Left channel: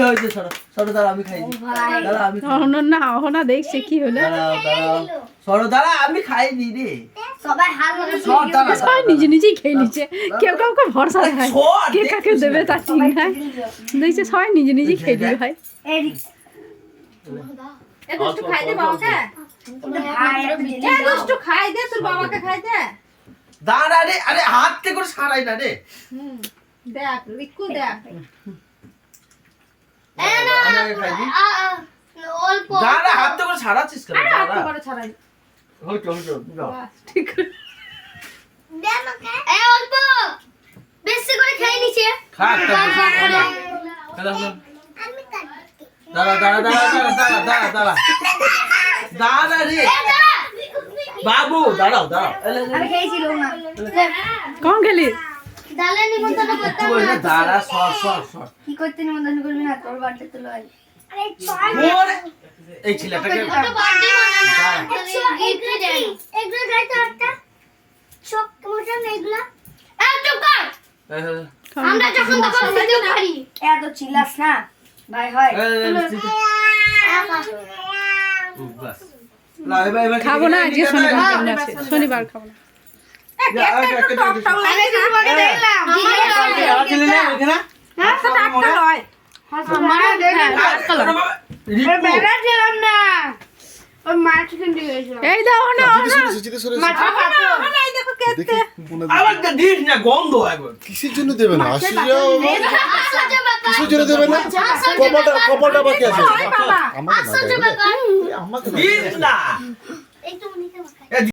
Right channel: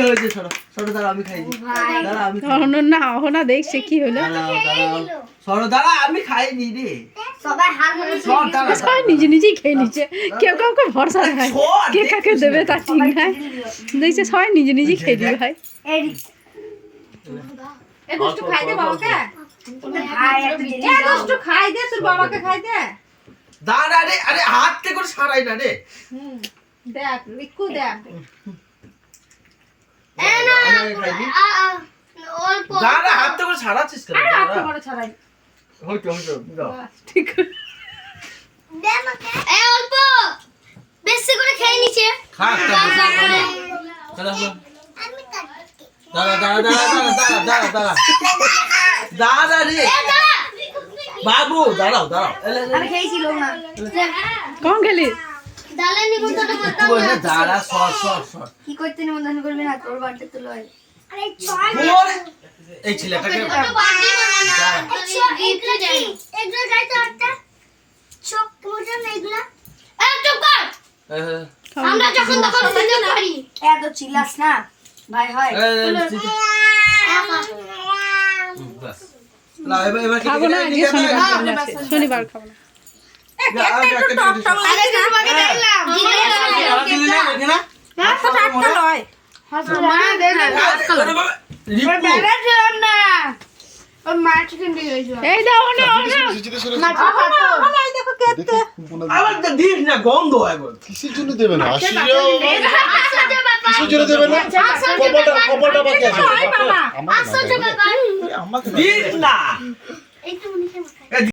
হয়েছে সরো সরো দাঁড়া আমি খাইনি দাঁড়া আমি না অহনা দেখছে কি হলো সরো দাঁড়া আমি খাইনি রে সবাই হাত ধরে সবাই নিজে নিজেই খেয়ে নিচ্ছে কেউ কাউকে ভরসা দেখায় কে কাকে দেবে তার ঠিক নাই দেখছে সবাই নিজে নিজেই খেয়ে দিবে ভাই একটু খাই দে বাবাকে একটু খাই দে তোর বাবাকে খাই দে দাঁড়া রে আরে হাত তে করে সারাই না রে দেখ লিকু দেখ আমি খাইনি অল্প দাঁড়া হাত তে করে সারাচ্ছিস কেন আরে দাঁড়া হাত করে ছাড়াই হইতো দাও ঠিক দে আমাকে অল্প বেশি করে খেয়ে নিছে খা দাঁড়া দাঁড়া দাঁড়া দাঁড়া দাঁড়া দাঁড়া দাঁড়া রে বাবু দাঁড়াও দাঁড়াও আমি খেয়েছিল না কম খেলি ডালে নিমন্ত্রণ করতে একটু বসে দাঁড়া সর সর সর কি করতে নিমন্ত্রণ করবি না তোর বাড়িতে তো লয় আরে ওরে এই ছেলেটাকে তো বার্থডে বানানা গিফট দেই এগুলো যাই তো একটা চক মোটা না এগুলা চুপ কর আমরা যখন তখন খেতে পারি এত চিল্লাস না ভাই হয় খাবো না আজকে শনিবার খাবো না এই দাও না গন্ধ একবার কিসের জন্য দেবে না কিসের জন্য দেবে না কপালটা বাকি আছে আমাকে দিস না